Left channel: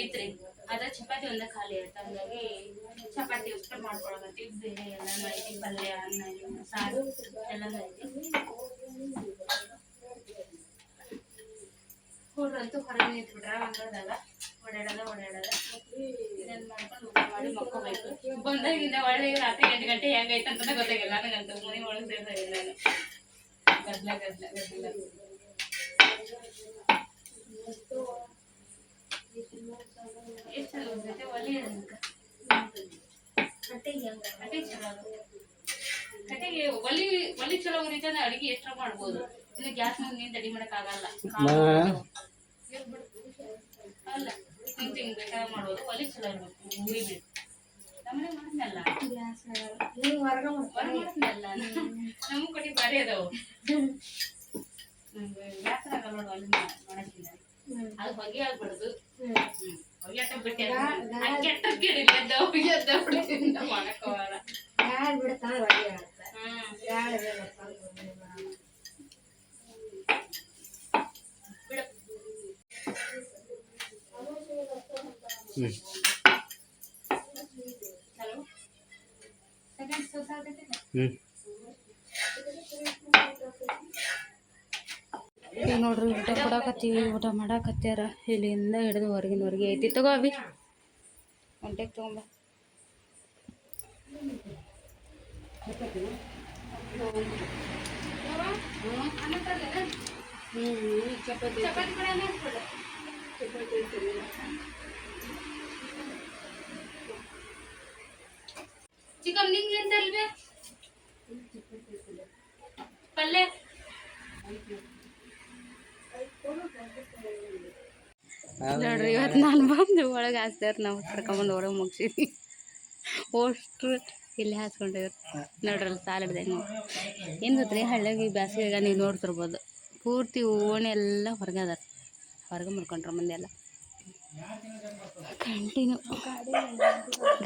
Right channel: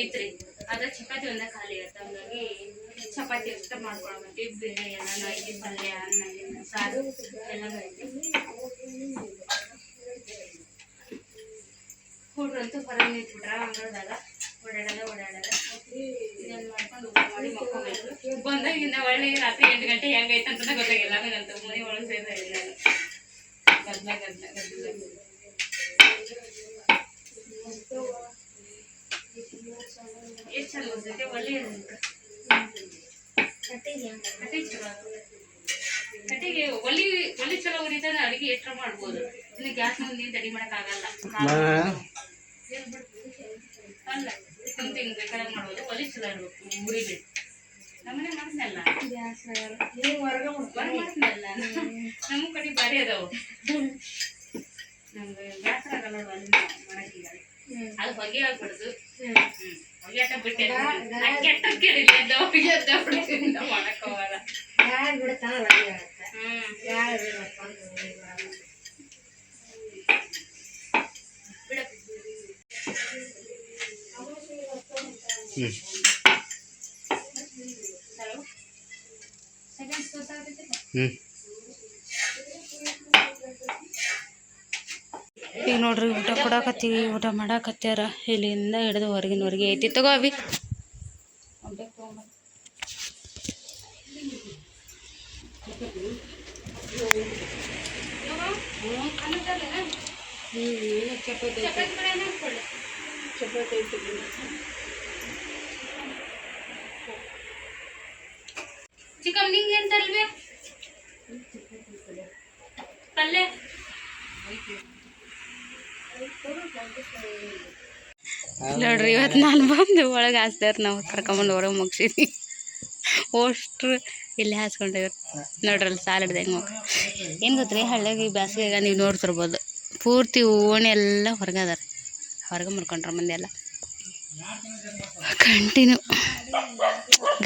ಐತ್ರಿ, ಆದ್ರೆ ಚಪಾತಿ ಒಂದ ಖಾಲಿ ಆಯ್ತು. ಹಂಗಾಗಿ ಚಪಾತಿ ಅಷ್ಟ ಮಾಡ್ಕೊಳಕತ್ತಿ. ಬೇರೆ ಎಲ್ಲ ಐತಿ, ಪಲ್ಯ, ಅನ್ನ, ಸಾರು ಎಲ್ಲ ಐತಿ. ಹುಡ್ರಂತೂ ಹೊರಗೆ ನಿಂತ್ಬಿಟ್ರ ಅಂಗಳದಾಗ ಓಡಾಡದ ಇದನ್ನ ಮಾಡ್ಕೊಂಡು ಊಟ ಮಾಡಿ ಮಕ್ಕೋಬೇಕು. ಬಂದಾಗಿಂದ ಒಳ್ಳೆ ರಾತ್ರಿ 8 ಗಂಟೆ ಹೆಂಗೈತೆ ಅಂತ ಗೊತ್ತಾಗಿಲ್ಲ ನನಗಂತೂ. ಮನೆ ಒಳಗೆ ಸೇರ್ತಾ ಇಲ್ಲ ಗದ್ಲ ಎಷ್ಟು ಚಂದ ಬರ್ತೈತೆ. ಒಳ್ಳೆಯ ಕಟ್ಟಿಗೆ ಒಲಿ ಚಲೋ ಉರಿತಾನ ಅಡಿಗೆ ಎಷ್ಟರ ಮಾಡ್ಬೋದು. ಇನ್ನು ಗ್ಯಾಸ್ ಮುಂದೆ ತಡಿ ಮಾಡಕ್ ಆಗಲ್ಲ. ಅಲ್ಲ ಕುಂತ ಹಿಂಗ್ ಬೇಕಾದ್ರೆ ಮಾಡ್ಬೋದು. ಒಲಿ ಚಲೋ ಇರ್ಬೇಕು, ಉರಿಬೇಕು. ನಮ್ಮನೆ ಮಾಡ್ತನಲ್ಲ ನಮ್ಮ ಕಡೆ ಬಾರಿ ಅದಾವು. ನಮ್ಗೆ ಗ್ಯಾಸ್ ಆಗಲ್ಲ ಅಲ್ಲಿ ಮಾಡಕ್ಕೀಗ. ಅದು ಹೊಗೆ ಆಗ್ಬಿಡ್ದು. ಹೊಗೆ ಆಟ ಬಿಟ್ಟೆ ಕೆಟ್ಟ ಕೇಳಿಲ್ಲ ಮಾಡಕ್ ಹೋಗಲ್ಲ. ಈಗ ನೋಡ್ರಿ ಊಟ ಕೊಡಕತ್ತೀವಿ, ಊಟ ಮಾಡಾಕತ್ಯಾರ. ಇಲ್ಲಿಂದ ಹಿಡಿದು ಹೊರಗಿನವರೆಗೆ ಐತಿ. ತಗೋ ಅವಿ ಹೊಂಟೆಗೆ ತಗೊಂಬ. ಚಿಕನ್ ನಿಂಗೆ ಏನ್ ತಲ್ವೆ ಪಲ್ಲೆ ನೋಡ್ರಿ. ಇವತ್ತು ನಾನು ಬಂದು ಒಳಗೆ ಹಾಸ್ತಾರ, ನಾವು ಕರ್ಕೊಂಬಂದು ಹೊರಗೆ ಮುಗಿಸಿದ್ವಿ. ಅಷ್ಟು ಇಲ್ಲಿ ಹಾಸ್ಕೊಂಡಿವ್ರು ನೋಡ್ರಲ್ಲಿ ಸಾಲಿಡ್ದೆ ಹೆಂಗೆ ಮಕ್ಕ. ಏನು ಗೊತ್ತ್ರಿ, ಹಳ್ಳಿಯಾಗಿ ಬ್ಯಾಸಿಗೆಗ ನೀವು ನೋಡ್ತಿರ್ಬೋದು ಪೂರ್ತಿ ಓಣಿ ಎಲ್ಲ ಹೊರಗೆ ಅದಾರ. ಹೊರಗೆ ಮುರ್ಕೊಂಡ್ರ ಮಂದಿ ಎಲ್ಲ ಕಂಟಿನ್ಯೂ.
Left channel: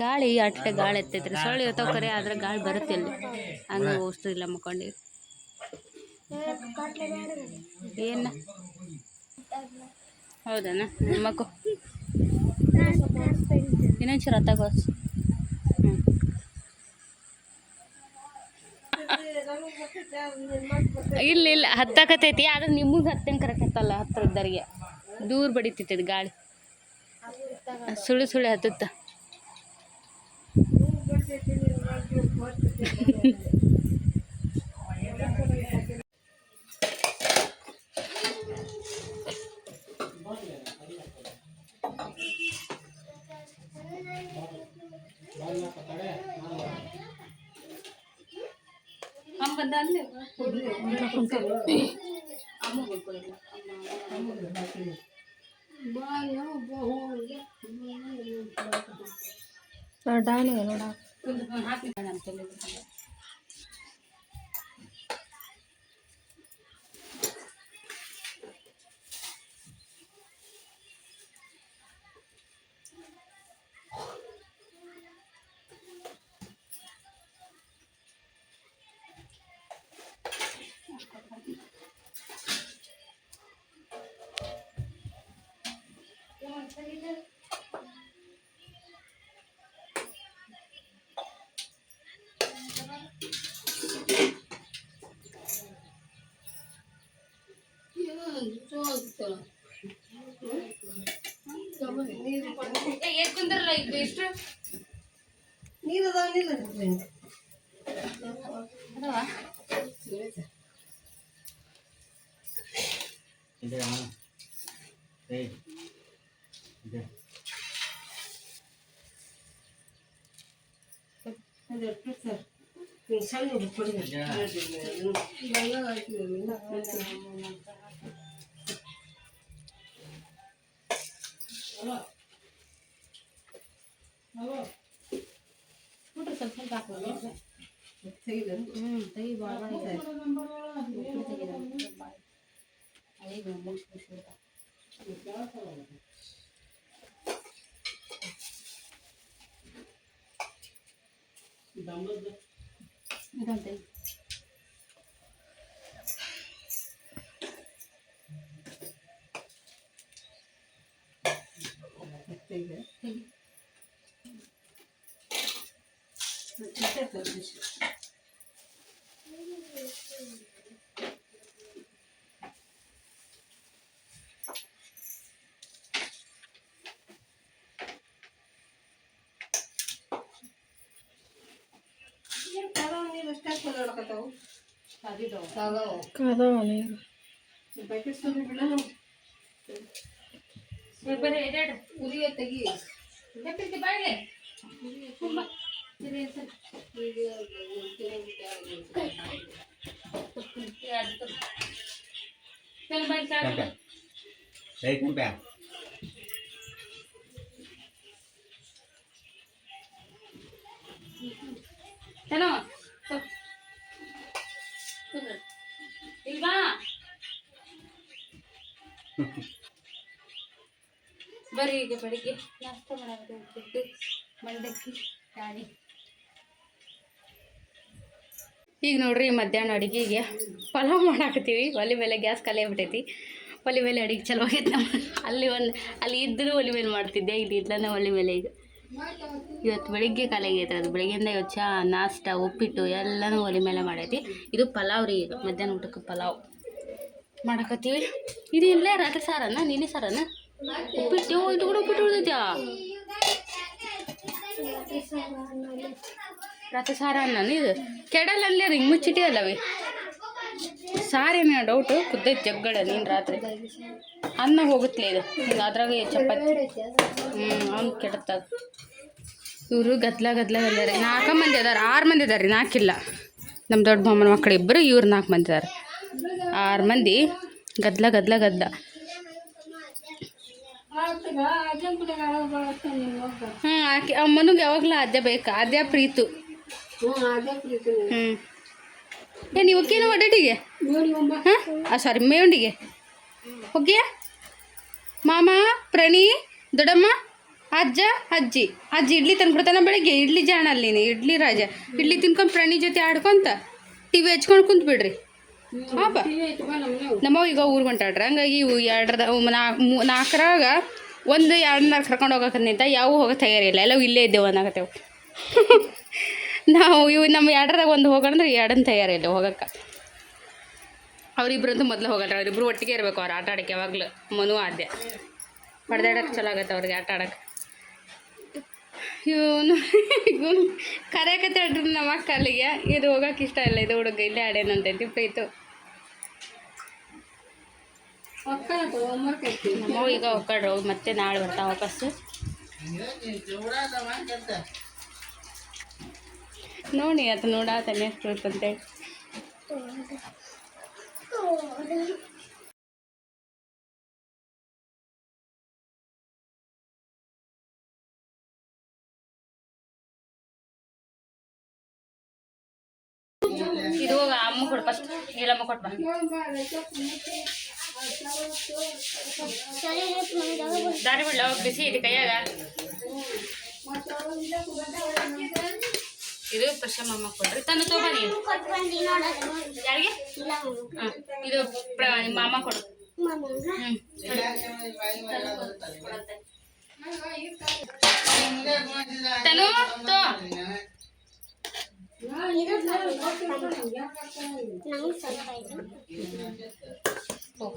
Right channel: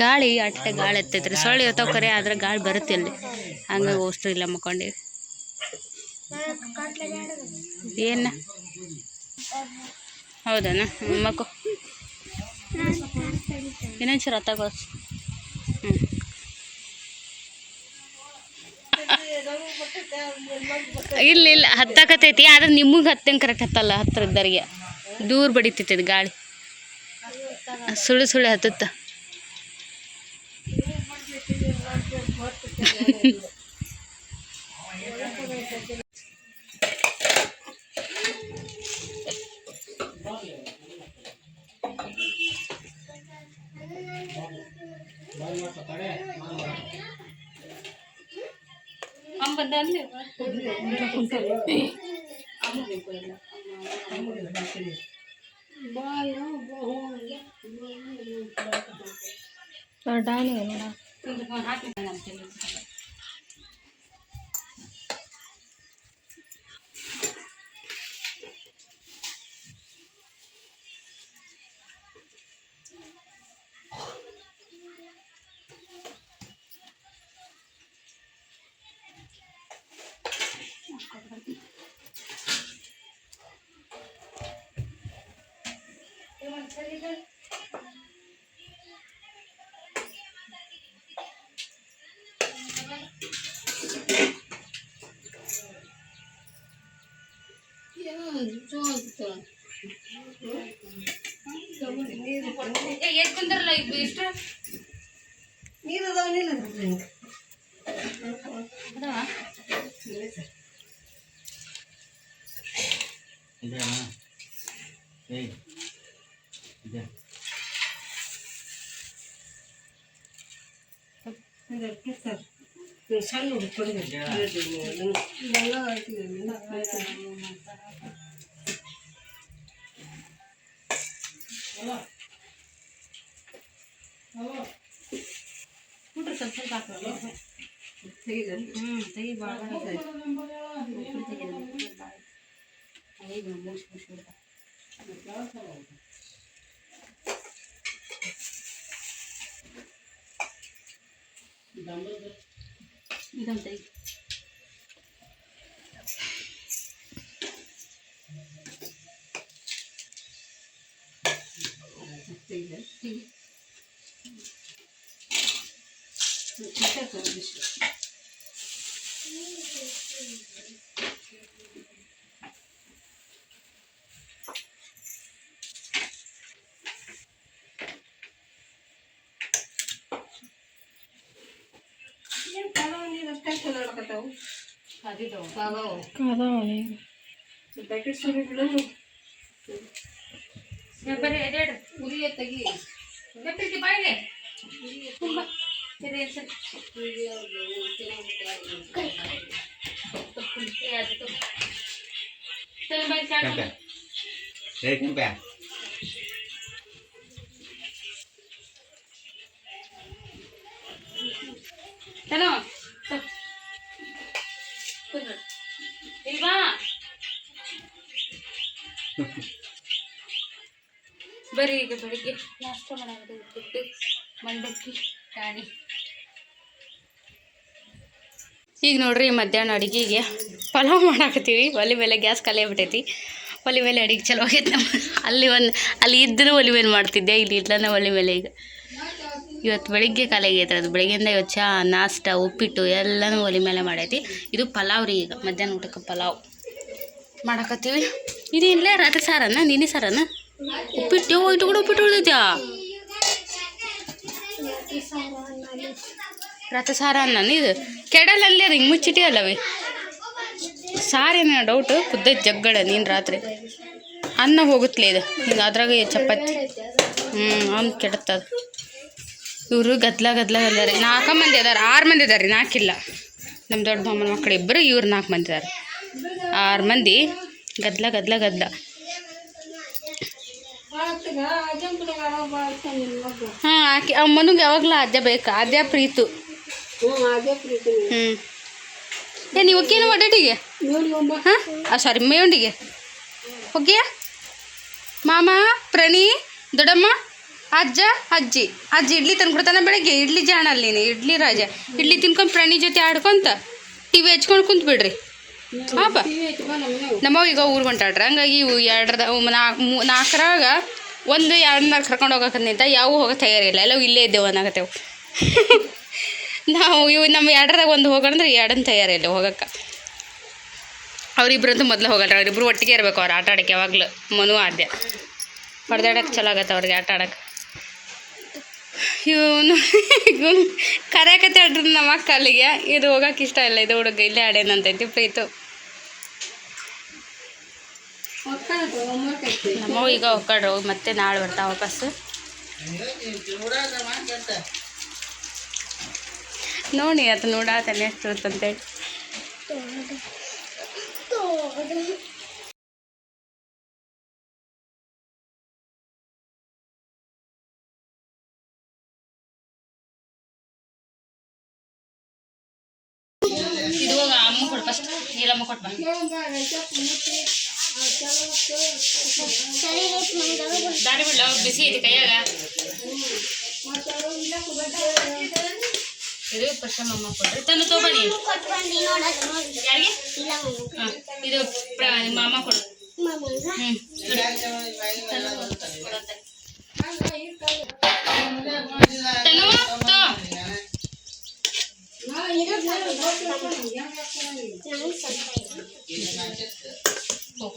ಗಾಳಿ ಅಟ್ಟೆ ಗಾಳಿ ಎತ್ತೈತ್ರಿ. ಸೊಳ್ಳೆ ಇವತ್ತು ಕರೆ ಆದ್ರೆ ಗಾಳಿ ಬರುತ್ತೆ ಅಲ್ಲಿ. ಹಂಗೆ ಅಷ್ಟು ಇಲ್ಲ ಮಕ್ಕೊಂಡಿವಿ. ಏನ ಹೌದಾ ಮಕ್ಕಳು ಇನ್ನೊಂಚೂರು ಹತ್ತಾಗೋಸ್. ಇಲ್ಲ ಹತ್ತಾಕತೈತಿ. ಆದ್ರೆ ನಿಮಗೆ ಹತ್ತಂಗೆ ಕರೆಕ್ಟ್ ಹತ್ತಲ್ಲ. ಹತ್ತಿರದವರಿಗೆ ದೂರ ಬಡಿತೈತಿ ಗಾಳಿ. ಸುಳ್ಳು ಹತ್ತುತ್ತ. ಬಂದ ಕುಂದ್ರಲ್ಲ ಈಗ ಎಷ್ಟು ನೀರು ಸ್ವಲ್ಪ ತೆಗಿ ಭಾಳ ಇದಂತೆ ಬರ್ರಿ ಈಗ ಬೆಳಿಗ್ಗೆ ನಾಷ್ಟ ಮಾಡೋದು ಉಪ್ಪಿಟ್ಟು ಮಂಡಕ್ಕಿ ರಾಣಿ. ಈಗ ನೋಡ್ರಿ ಮಧ್ಯಾಹ್ನ ಅಡುಗೆಗೆ ಪಲಾವ್ ಮಾಡಾಕತ್ತೀವಿ. ಒಲೆ ಮೇಲೆ ಗ್ಯಾಸ್ ಖಾಲಿ ಆಗ್ಬಿಟ್ಟೈತಿ. ಒಲೆ ಮೇಲೆ ಅಡುಗೆ ಚಲೋ ಆಗೈತೆ ನಮ್ಮ. ಅಲ್ಲಿ ಇದ್ದರೂ ಒಲೆ ಮೇಲೆ ಮಾಡ್ತಿದ್ದೆ, ಇಲ್ಲಿ ಇಲ್ಲನ ಒಲೆ ಮೇಲೆ. ಈಗ ಇವತ್ತು ಬೆಳಿಗ್ಗೆ ಖಾಲಿ ಆಗೈತೆ. ಅದು ಬೆಳಗ್ಗೆಯಿಂದ ಇವತ್ತು ಚಹಾ ನಾಷ್ಟ ಉಪ್ಪಿಟ್ಟು ಎಲ್ಲನೂ ಒಲೆ ಮೇಲೆ ಮಾಡೈತಿ. ಇದು ಪಲಾವ್ ರೀ. ಈಗ ಮಧ್ಯಾಹ್ನ ಊಟಕ್ಕೆ ಪಲಾವ್ ಮಾಡಾಕತ್ತೀವಿ. ಇದೇನಿಲ್ಲ ರಾತ್ರಿ ಸಾರನ ನೀನೇ ಸಾರನ ಉಪ್ಪಿಟ್ಟು ಇದು ಕೂಡ ಉಪ್ಪಿಟ್ಟು ಉಳಿದೈತ್ಯಾ? ರಾತ್ರಿ ಸಾರ ಅನ್ನ ಇದು ಕೆಡಲ್ಲ ಅಲ್ಲೇ ಹಿಂಗೆ ಮುಚ್ಚಿಟ್ಟೆ ಅಲ್ಲವೇ ಸಾರೇನ ಡೌಟು ಕುದ್ದೈತೆ ಜಗ್ಗಡ. ನೀನು ರಾತ್ರಿ ಅನ್ನ ಹೋಗುತ್ತಲೇ ಇದು ಹಿಂಗೆ ಅದ್ರಾಗ ಚಪಾತಿ ಅವ್ನು ಕೆಡುತ್ತದು. ಇವರು ಗದ್ಲ ರೀ. 4 ಮಂದಿ ಅದಾರೆ, 6 ಮಂದಿ ಅದಾರೆ ರೀ, 4 ಇಲ್ಲ. ನಮ್ಮ ದೊಡ್ಡ ಮಾಮನ ಮಕ್ಕಳು ಇಬ್ಬರು, ಇವ್ರು 4 ಮಂದಿ ಅದಾರೆ. 6 ಮಂದಿ ಗದ್ಲ. ಹಾಂ ಆಕೆ ಅಮ್ಮನಿಗೆ ಯಾವಾಗಲೂ ಆದ್ಯ ಬೇಕಾ? ಆದ್ಯ ಪ್ರೀತು. ಏನು ಇವಕ್ಕೇನು ಒಡ್ಡಟಿಗೆ? ಹಾಂ ಸಾರಿ ಮೇವಂಡಿಗೆ ಹೋಗ್ಯ ಮಾಮ ಪ್ರಣಿ ದೊಡ್ಡಮ್ಮ ಅಜ್ಜ ಅಜ್ಜಿ ಇಡ್ಲಿ ತಂದ್ಕೊಡ್ತಾನೆ ಬೆಳಗ್ಗೆ. ಇಡ್ಲಿ ಜಾಣ ಅಲ್ಲಿನೇ ಇಡ್ಲಿ ರಾಜ. ಇಡ್ಲಿ ತಿನ್ಕೊಂಡು ಪ್ರಣಿ ಜೊತೆ ಆಡ್ಕೊಂತ ಟಿವಿ ಹಚ್ಕೊಂಡು ಕುಂತು ಬಿಡ್ರಿ. ಹಾಪ ನಮ್ಮವ್ ಈಗ ಊರು ಹೊಂಟಾಡ್ರಿ. ಹಂಗಾಗಿ ಇವು 4ರಾಗ 1-2 ಕರ್ಕೊಂಡು ಹೋಗಕ್ಕೆ ನಿಂತ ಯಾವ ಹೋಗೋ ತಯಾರಿಲ್ಲ. ಎಲ್ಲವೂ ಇಲ್ಲೇ ಇದ್ದೇವೆ ಅನ್ನಾಗತ್ತೇವು. ನಾವು ಇವು ನಮ್ಮ 2ರಾಗ 1 ಹೋಗೋಣಂದ್ರೆ 2 ತಯಾರಿಲ್ಲ ಹೋಗಕ್ಕೆ. ಅವರಿಬ್ರಂತೂ ಮೊದಲು ಹೋಗಲ್ರಿ. ಅವರಿಬ್ರು ಒಟ್ಟಿಗೆ ಇರಬೇಕು. ಅವ್ರು ಆಟ ಆಡೋಕ್ಕೆ ಯಾವಾಗಲೂ ಮನು ಆದ್ಯ ಹೊಡೆದಾಡಕ್ಕೆ ಚಲೋ ಆಗತ್ತೆ ಅವ್ರಿಗೆ ಆಟ ಆಡೋಕ್ಕೆ. ಇವನು ಕರೆಯಕತ್ತೆ ಆಡ್ರಿ ನಮ್ಮ ಅಕ್ಕ ಅಲ್ಲಿಗೆ. ಇದು ಹೋಗಕ್ಕೆ ಇಷ್ಟ ಇಲ್ಲ. ಇದು ಹುಡುಗ ಇಲ್ಲೇ ಆಡೇನಂತೈತಿ ಪ್ರೀತು. ನಮ್ಮವು ಈಗ ಹೋಗ್ಕಡ್ರು ಮತ್ತೆ ನಾಳೆ ಬರ್ತಾವ ವಾಪಸ್ಸು. ನೋಡಿ ಅದು ನೋಡಾತಾನೆ ಎಷ್ಟು ಇರುತ್ತಂತೇಳಿ. ಇದು ಅಮ್ಮ ಕೊಡು ಫಸ್ಟ್. ನೀಲಮ್ಮ ಕೊಟ್ಟು ಬಾ. ದಾರಿ ಬಿಡ್ಲ ಬಿಸಿ ಐತಿ ಕೈಯಾಗ. ಇದು ಪ್ರಶಮಮ್ಮ ಕೊಡ್ರಿ. ತಂದು ತೊಗೊಬನ್ನಿ. ಯಾರಿಗೆ? ಹಾಂ ಇದು ಮಾಮ ಕೊಡು. ತನು ತೋ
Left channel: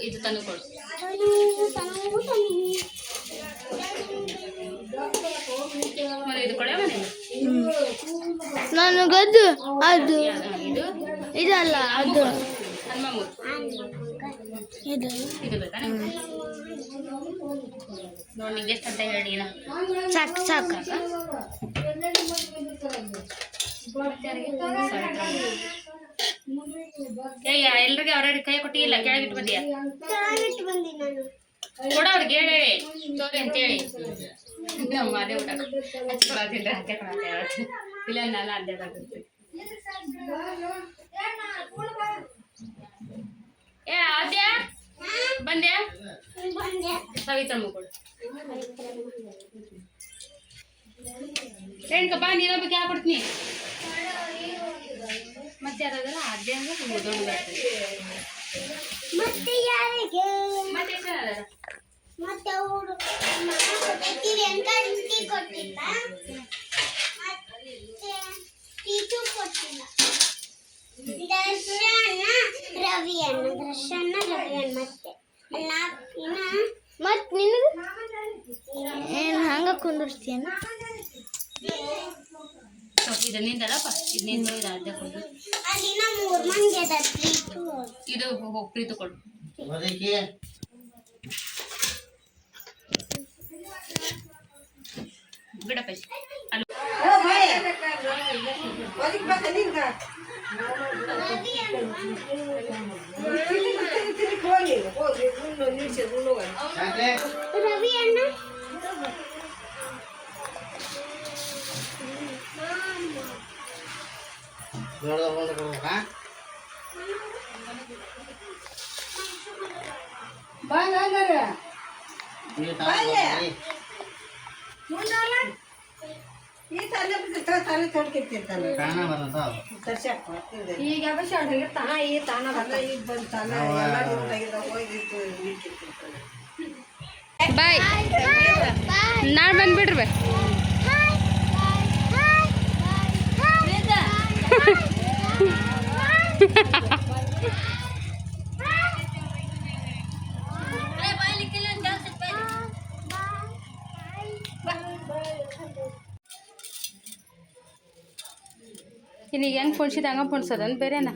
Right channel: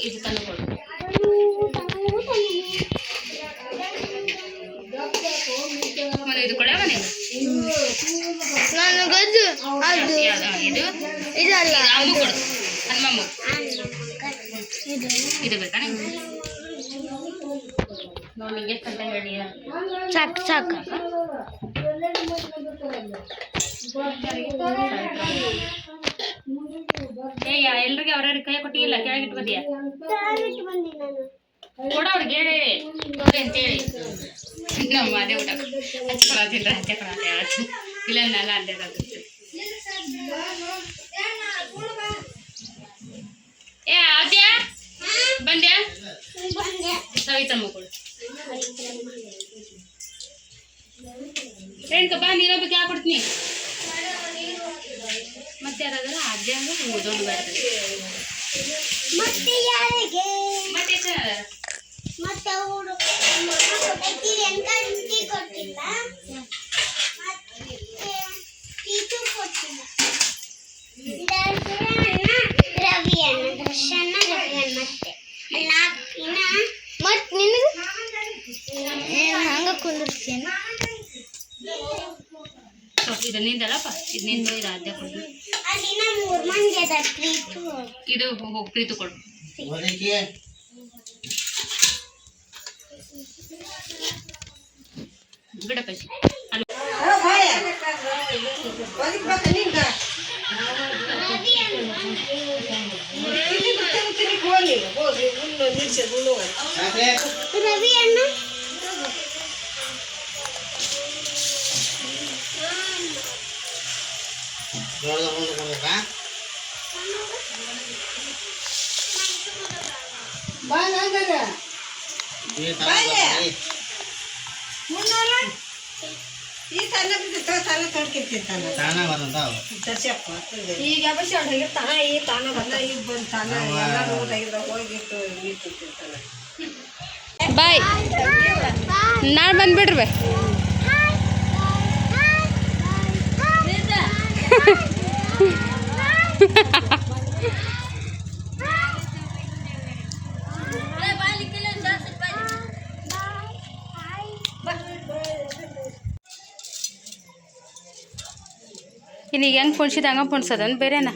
ಇದು ತಂದು ಕೊಡು. ಇದು ಕೊಡ ಮನೆ ನನಗದು ಅದು ಇದು ಇದಲ್ಲ ಅಮ್ಮ ಕೊಡು. ಹನುಮಮ್ಮ ಇದು ಬೇಕಾ ನೋಡಿ ಎಷ್ಟು ಅಂತ ಹೇಳಿ. ಸಾಕು ಸಾಕು ಎಲ್ರಿಗೆ ಅವ್ರವ್ರಿಗೆ ಕೈ ಕೊಟ್ಟಿಲ್ಲ. ಕೆಳಗಿಟ್ಟು ಬಂದಿಯಾ? ಕೊಡ ಅವ್ರಿಗೆ ಹೇಳಿ ತೋರಿ ಅಂತೇಳಿ. ನಮ್ಮ ಅದೇ ಊಟ ಹಚ್ಕೊಳತಿಲ್ಲ. ಹಚ್ಕೊಳತ್ತೆ ಯಾವತ್ತು ಇಲ್ಲ ನಾನು ಅಡ್ಡಾಗುತ್ತೆ. ಏ ಆದ್ಯ ಬಂದ್ಯಾ? ಸವಿತಮ್ಮ ಕೊಡು. ರೇಣುಕ ಬಾ, ನೀರೊಬ್ಬಕ್ಕೆ ಯಾಕೆ ಕೊಡ್ತೀನಿ. ಮತ್ತೆ ಯಾರಾದ್ರೂ ಆದ್ಯ ಅಂದ್ರೆ ದೊಡ್ಡ ಬರ್ತದೆ. ಮತ್ತೆ ಯಾರಿಗೆ ಮತ್ತೆ ಎಷ್ಟು ಜನ ಅದಾರ? ಮತ್ತೆ ಕೊಟ್ಟಿಲ್ಲ ಹಂಗ ಕುಂದಿರ್ತೀನಿ. ಇದು ನಿಂದಲ್ಲಪ್ಪ, ಇದು ನಿಂದು, ಇದು ಅದೇ ಕೊಡು. ಇದು ಹೋಗಿ ಪ್ರೀತು ಕೊಡು. ಬಿಡಪ್ಪ ಅಲ್ಲಿ ರವಿ ಅಣ್ಣ ಬಾಯ್, ನಾಳೆ ಬಂದ್ಬಿಡ್ರಿ. ಈಗ ಹೆಂಗೆ ಪೊಣ್ಸಿದ ಹಂಗೆ ಪೊಣ್ಸೋದನ್ ಬೇರೆನಾ?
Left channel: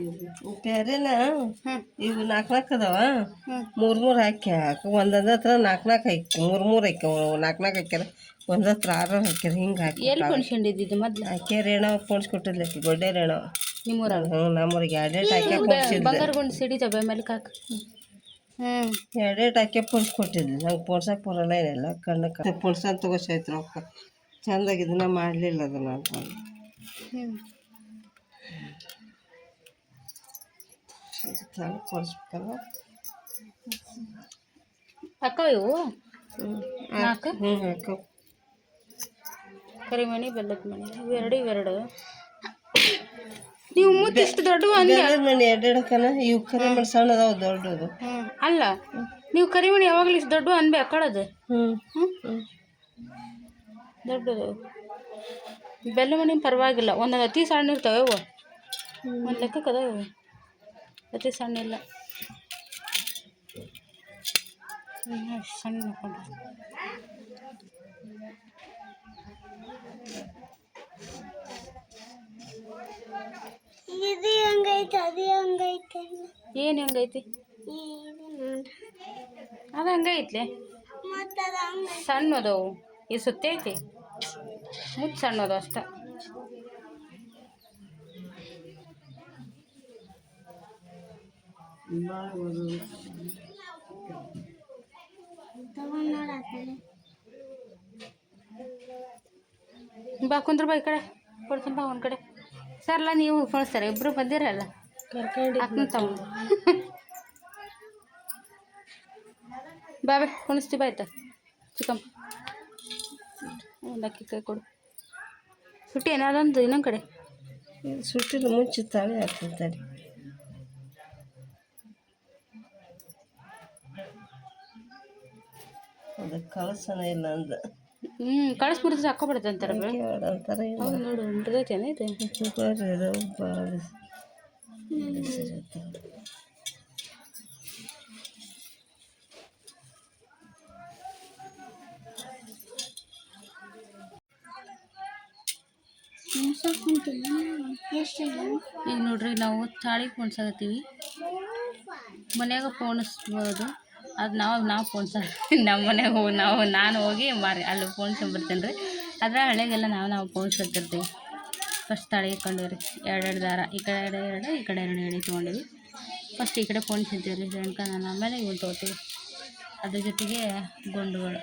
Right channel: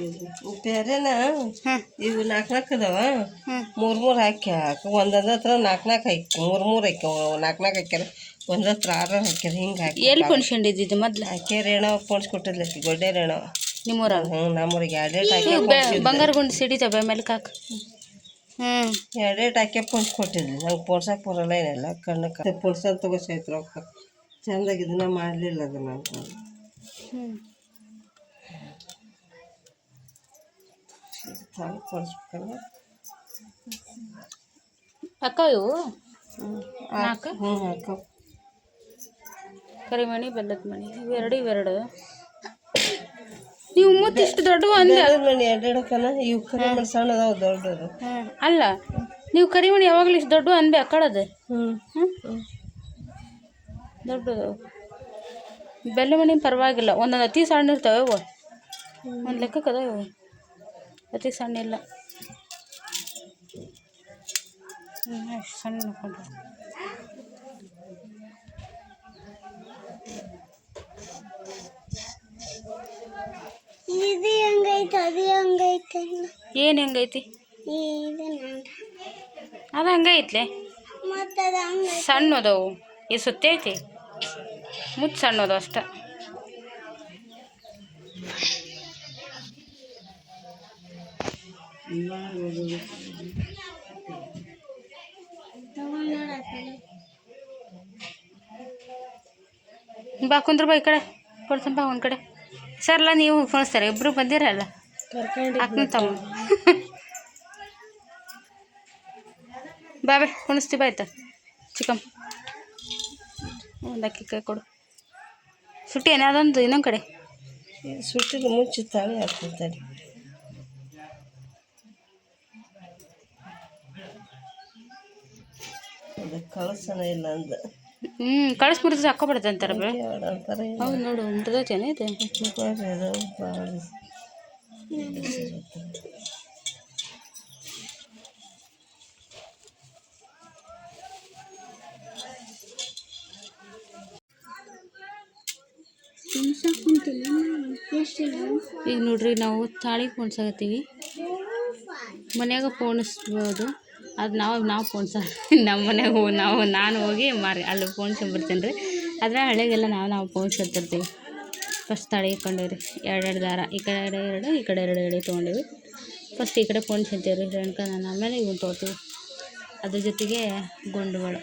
ಬೇರೆನಾ? ಹಾಂ, ಇವು ನಾಲ್ಕು ಅದಾವ. ಹ್ಞೂ, ಮೂರು ಹಾಕಿ ಒಂದೊಂದು ಹತ್ರ ನಾಲ್ಕು ಹಾಕಿ ಮೂರು ಹಾಕ್ಯಾವ. ನಾಲ್ಕು ಹಾಕ್ಯಾರ, ಒಂದು ಹತ್ರ 6 ಹಾಕ್ಯಾರ. ಹಿಂಗೆ ಹಾಕಿ ಎಲ್ಲಿ ಪೊಣ್ಸ್ಕೊಂಡಿದ್ದು ಮೊದ್ಲು? ಆಕೆ ರೇಣವ ಪೋಣಿಸ್ಕೊಟ್ಟಿದ್ಲ, ಆಕಿ ಗೊಡ್ಡೆ ರೇಣವ. ನಿಮ್ಮೂರಾಗ? ಹ್ಞೂ, ನಮ್ಮೂರಿಗೆ 2 ಹಾಕಿ ಬಂಗಾರ ಗುಂಡು ಸಿಡಿತವೆ ಮೇಲ್ಕ್ ಹಾಕಿ. ಹ್ಞೂ, 2 ಹಾಕಿ ಪೋಣಿಸ್ಕೊಟ್ಟಿದ್ಲಿ. ನಂಗೆ ಪೋಣ್ಸಕ್ಕೆ ಬರೋಲ್ಲ, ಏನಿಲ್ಲ. ಕಣ್ಣಕ್ಕೆ ಪೋಣ್ಸಂತ ತಗೋಸೈತ್ರ ರೊಕ್ಕ. ಚೆಂದಾಗಿ ಇದನ್ನ ಮಾಡಲಿಲ್ಲ ಅದನ್ನು ಅಂತ. ಹ್ಞೂ, ಪೋಣಿಸ್ಬೇಕಲ್ಲ. ಅಕ್ಕ ಇವು 4 ಹ್ಞೂ ಹಾಕೋ. ಕರಿಮಣಿ ಬೆಲ್ಲದ ಮಣಿ ಇವೆರಡು. ನೀವು ಮುತ್ತು ಇಷ್ಟು ದೊಡ್ಡವು ಅಂದೆ. ಮಣಿ 2 ಹಾಕನ. ಇವು ಕರಿಮಣಿ ಸಣ್ಣ ಅದಾವ, ದೊಡ್ಡದು. ಹ್ಞೂ, ಅಲ್ಲ ನೀವು ಕರಿಮಣಿ ಯಾವಾಗಲೂ ಇಷ್ಟು ದೊಡ್ಡವು ಅನ್ಬೇ ಅಕ್ಕಳದು. ಹ್ಞೂ ಹ್ಞೂ, ದೊಡ್ಡದು. ಬೆಲ್ಲ ಮಣಿ ಪರವಾಗಿಲ್ಲ, ಒಂದೊಂದು ಅತಿ ಸಣ್ಣ ಇರ್ತವೆ ಇವು. ಒಂದು ಲೆಕ್ಕಕ್ಕೆ ಅದಾವ ಇವು, ಅತಿ ಸಣ್ಣ ಇಲ್ಲ. ಸಣ್ಣ ನೋಡ್ಕೊಂಡ್ರೆ ಇದು ಹೆಂಗೈತೆ ಅದು ಹೆಂಗೈತೆ? ಏನು ಹೆಂಗೈತಿ? ಅದು ಹಂಗೈತ್ಲೆ, ಮತ್ತು ಅದು ಹಂಗೆ ಸಣ್ಣದವು. ಇದು ಸುತ್ತೈತಿ, ಮುತ್ತು ಸಣ್ಣದು ಅಷ್ಟೆ. ಬಾ ಕುಂದ್ರ ಬಾ, ಈ ಕಡೆ ಕೊಡ್ತೀನಿ ಬಾ ಒಂದು ಕಡೆ. ಸರ್ಲ ನೀವು ಫೋಣಿಸ್ತಾರೆ, ಇಬ್ಬರು ಬಂದಿರಲ್ಲ. ಅಕ್ಕನ ತಮ್ಮ ಬಾಬೆ ಕುಣಿಸ್ತೀವಿ ಆಯ್ತಾ? ಚಿಕಮ್ ಒಂದು ಅಕ್ಕಿ ಕೈ ಕೊಡು. ಸುಟ್ಟಿ ಏನೇ ಅದೊಂದು ಇನ್ನೊಂದು ಕಡೆ ಸುಟ್ಟಿಲ್ಲ, ಮುಂಚೆ ತಾವೇ ಹಾಕ್ತಿರ್ತಾರೆ. ಅದಕ್ಕೆ ಕಳಸನ ಇಲ್ಲ ಅಂದ. ಕಳಿಸ್ ಮುರಿದ್ರೆ ಹಾಕೋಬಿಡುತ್ತೆ ಅಂತಾರೆ. ಅಂತಾರೆ. ಹೌದು ನೋಡು, ಮುರಿದೈತೇನೆ ಇದು. ಭಾಳ ಈಗ ನೋಡ್ರಿ, ನಾವು ತಾಳಿ ಪೋಣಿಸಾಕತ್ತೀವಿ. ಮನ್ಯಾಗ ಪೋಣಿಸ್ಬೋದು, ಅದು ನಾವು ಪೋಣಿಸ ನಮ್ಮ ಮನ್ಯಾಗ ನಾನು ಹೋಗಿ ಅಲ್ಲಿ ಪೋಣಿಸ್ಕೊಂಬರ್ತೀನಿ ರೀ. ಆದರೆ ಹಳೆಗೆಲ್ಲ ನಾವು ಪೋಣಿಸ್ಕೊತಿರ್ತೀವಿ. ಫಸ್ಟ್ ತಾಳಿ ಇಟ್ಕೊಂಡೀವಿ ರೀ. 2 ದಾರ, ಈ ಕಡೆ 2 ಈ ಕಡೆ 2 ಎಳೆ ತೊಗೊಂಡಿವಿ. ಫಸ್ಟ್ ಈ ಕಡೆ ಪೋಣಿಸ್ಕೊಂತೀವಿ ರೀ ರೇಣುಕ ನಾನು. ಆಮೇಲೆ ಇವನು ತೊಗೋತೀವಿ. ಅದ್ರ ಜೊತೆಗೆ ಗುಂಡುಗಳು,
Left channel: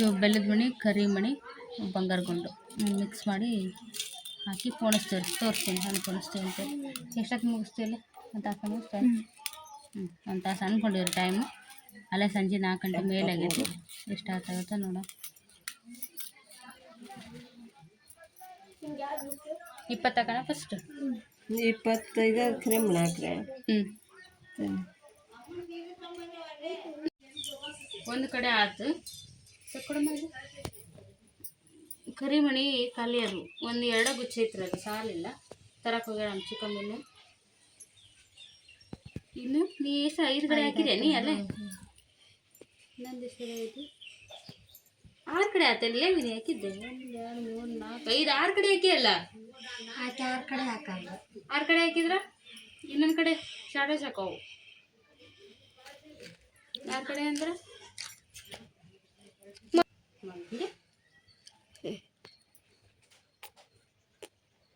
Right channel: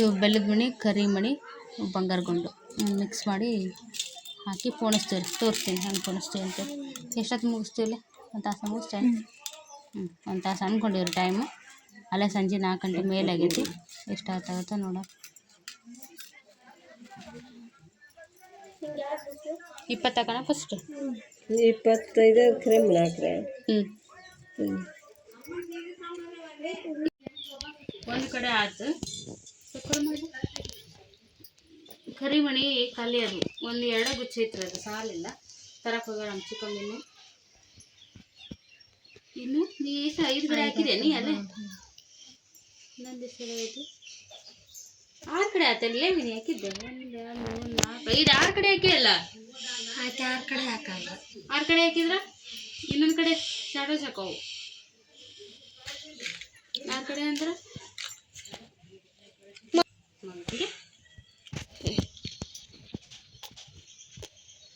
ಇವು ಬೆಲ್ಲದ ಮಣಿ, ಕರಿ ಮಣಿ, ಬಂಗಾರ ಗುಂಡು ಮಿಕ್ಸ್ ಮಾಡಿ ಹಾಕಿ ಪೋಣಿಸ್ತೀವಿ ರೀ. ತೋರಿಸ್ತೀನಿ ಹೆಂಗೆ ಪೋಣಿಸ್ತೀವಿ ಅಂತ. ಎಷ್ಟೊತ್ತು ಮುಗಿಸ್ತೀವಿ? 1 ತಾಸು ಮುಗಿಸ್ತೇವೆ. 1 ತಾಸು ಅಂದ್ಕೊಂಡಿವ್ರಿ ಟೈಮು. ಅಲ್ಲೇ ಸಂಜೆ 4 ಗಂಟೆ ಮೇಲೆ ಆಗೈತಿ. ಎಷ್ಟು ಆಗುತ್ತೆ ನೋಡ. 20 ಹಾಕೋಣ ಫಸ್ಟ್. 25 ಕ್ರೀಮ್ ಹಾಕ್ರೆ. ಒಂದು ಕಡೆ ಆಯ್ತು. ಕರಿಮಣಿ ಖಾಲಿ ಅದು, 1-2 ಗುಚ್ಚ ಐತ್ರಿ, ಅದು ಸಾಲಿಲ್ಲ. ತರಕ್ಕೆ ಹೋಗ್ಯಾಳ ನಮ್ಮ ಚಿಕ್ಕಮ್ಮನ್ನು. ಇನ್ನು ನೀ ಎಷ್ಟು 5 ಕಡೆ ಹಾಕಿದೆ ನೀ ಅಲ್ಲೇ ನಂದು ಸರಿ ಆಯಿತು 6 ಕಡೆ ಆತಲ್ಲ ನೀ ಹಾಕಿದ್ದೆ 1 2 3 4 5 6 ಕಡೆ ಹಾಕಿ ಅಲ್ಲ 6 ಕಡೆ ಹಾಕಲ್ಲ 6 ಕಡೆ ಹಾಕಿದ್ರ ಇನ್ನೊಂದು ಕಡೆ ಶಾಡೋ ಸಾಕವು 6 ಕಡೆ ಅಂದ್ರೆ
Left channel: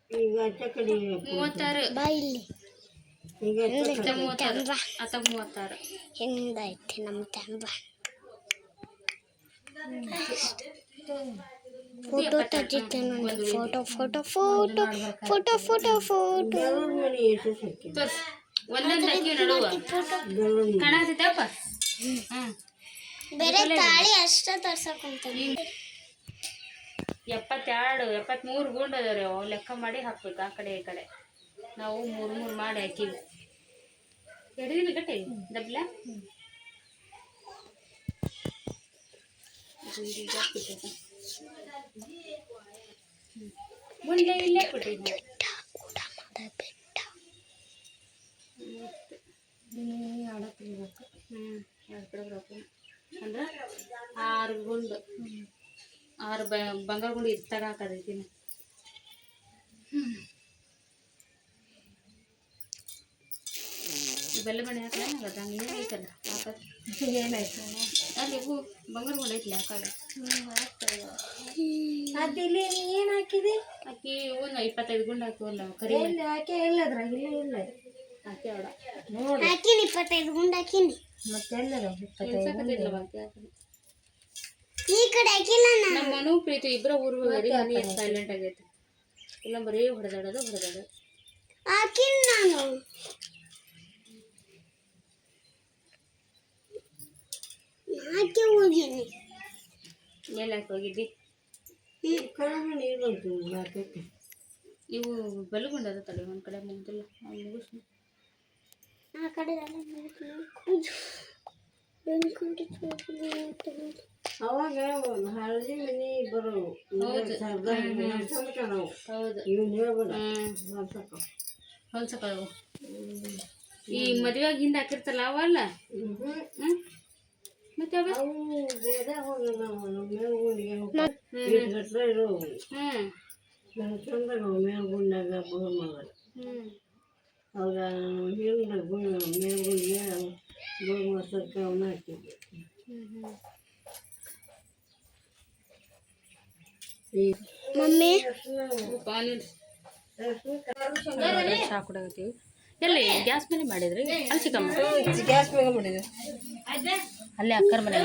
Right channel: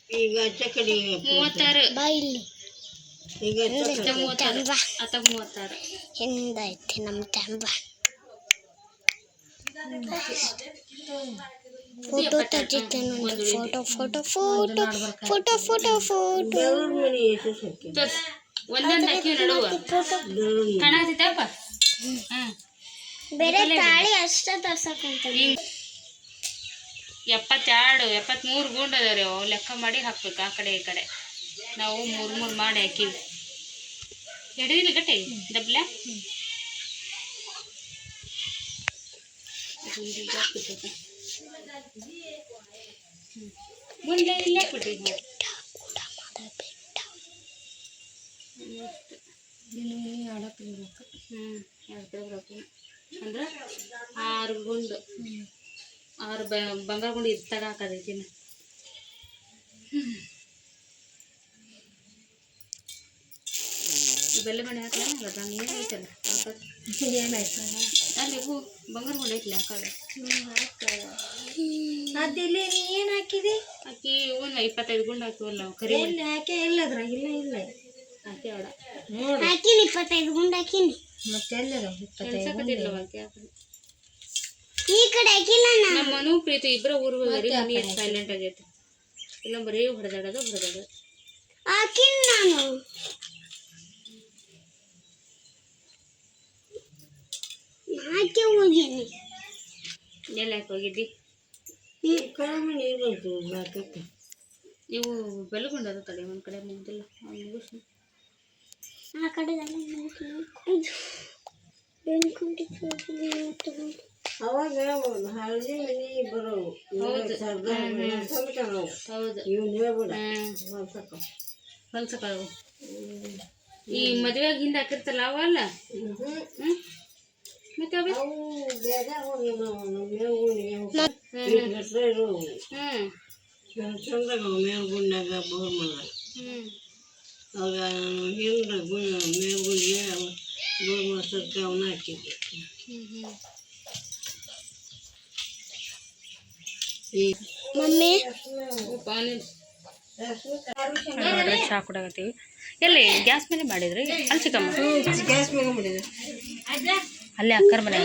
ಈಗ ಆಚೆ ಕಡೆ 36 ಬಾ ಇಲ್ಲಿ ಈಗ ಆಚೆ ಕಡೆ 36 ಅಥವಾ 36 ಹಿಂದೈತಿ ನಮ್ಮ ತಂಬ ಫೋಟೋ ತೆಗಿತೆ ನೋಡಿ photo photo photo photo photo photo ದೇವ್ರ ಮನೆ ಎಷ್ಟು ಸಕ್ಕಿ ತೋರ್ಸ್ ಒಂದೊಂದು ಹಾಕಿ ನಡುವ ಕಾಣತೈತಪ್ಪ ಬೇರೆ ತಾಳಿ ಅಷ್ಟೇ ತೋರ್ಸಕ್ಕಂತ 72 73 ಗುಂಡು ಅದಾವ್ರಿ ಅವು ಲೆಕ್ಕ ಮಾಡಿ ಹಾಕ್ಬೇಕು ಆ ಕಡೆ ಈ ಕಡೆ ನಾವು 3 ಮಾಡಿ ಹಾಕಿವಿ ಹಿಡಿದಿಲ್ಲ ಗಟ್ಟಿ ಡಬ್ಲ ಮುಂದೆ ಇಲ್ಲೇ ಕೊಟ್ಟಿದ್ವಿ ಅಂದ್ರೆ 6 ಗುಂಡು 6 ಬಂಗಾರ ಗುಂಡು ಇತ್ತಾಗ ಹಾಕೋದೈತಿ ಬೆಲ್ಲ ಮನೆ ಹಾಕಲ್ಲ ನೀರು ಐತಲ್ಲ ಹಾಕೋದು ಏನಾಯ್ತು ಅಲ್ಲಿ ಹೂ ಬಂಗಾರ ಗುಂಡು ಐತಿಲ್ಲ ಹಾಕೋದು ಅದಿಲ್ಲಿ ನೀ ಏನು ಹಾಕಿದಿ ಹಾಕಿ ಒಂದು 25 ಗುಂಡು ಹಾಕಿವಲ್ಲ ನಾವು ಕರಿ ಎಲ್ಲಿ ಹಾಕಿ ಇಲ್ಲದ್ರಾಗ ಇಲ್ಲ ಹಾಕಿ ಅವಡ ಹಾಕಿನಿ 25 ಗುಂಡು ಹಾಕಿನಿ ಮತ್ತೆ ಎಲ್ಲರ ಕೆಲ್ಸಕತ್ತಿಲ್ಲ ಹಾಕಿ ಹಾಕೋದು ಈ ಕಡೆ ಹಾಕಿಲ್ಲ ನಮ್ಮ ಮನು ಪ್ರೀತಿ ಇಬ್ಬರ ಊರು ಹೋಗ್ರಿ ಮನೆ ಸೈಲೆಂಟ್ ಆಗೈತಿ ಇಲ್ಲ ಬರೀ ಹೊಡೆದಾಡೋದು ಹಾಕಿನಿ ನಾನು ಹಾಕಿ ಹೋಗಿನಿ ಎಲ್ಲಿ ಹಾಕಿ ಹೋಗಿದ್ದಿ ಈ ಕಡಿಮೆ ನೀರು ಬಂತು ಹಾಕಕ್ಕೆ ಇವು ಬೆಲ್ಲಗುಂಡದ ತಡೆ ಒಂದು ಕಡೆ ಮುಗ್ದಿಲ್ಲ ಮುಗಿಸ್ ಆ ಕಡೆ ಅವಾಗ ಹಳದಿ ಮನೆ ಬರೋವು ಹೌದು ಇವ್ನು ಹೇಳ್ಬೇಡ ಹೊಲ್ಸಕ್ಕಳವು ಈ ಮದುವೆಯಾಗ ಹಿಂದೆ ಹಾಕಿರ್ತಲ್ಲ ಅವಲ್ಲ ಮತ್ತೆ ಅವ ಅವು ಬೇಡ ಮೇವುಗಳಿಗೆ ಇರೋವು ಚಂದಾಗ ಮೇವು ಗುಂಡಾಗ ಬೋರ್ ಮಾಡಿದಾಗ ಅವಾಗ ಹಿಂದೆ ಮೇವು ಗುಂಡಿಗೆ ಬೋರ್ ಮಾಡ್ಸೋಕ್ಕೆ ಅವನ್ನ ಹಾಕಿದ್ದೆ ಮಮ್ಮಿ ಚಹಾ ಕುಡಾಕತ್ತೀವಿ ಎಲ್ಲಿ ಗ್ಯಾಸ್ ಮೇಲೆ ಮಾಡಿದ್ರಿ ಅಲ್ಲಿ ಚಿಕ್ಕಮ್ಮ ಗ್ಯಾಸ್ ಮೇಲೆ ಮಾಡಿದೆ ಅಲ್ಲೇ ಅಕ್ಕರ ಮನೆ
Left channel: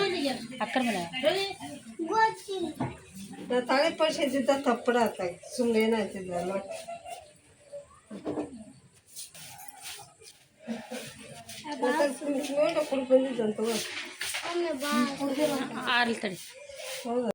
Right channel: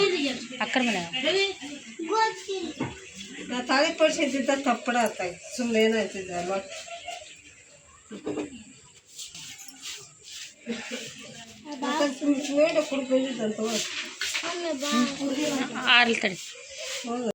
ನಾ ತಾಳಿ ಪಡಿಸಿದ್ದ ತಪ್ಪಡ ಆತ ಸುಮ್ಮನೆ ಏನಾಯ್ತಿದ್ದ ಕುಡಿ ಬಂದಿದ್ದಂತ ಆರ್ಲಿ ತಡಿ ಹೌದು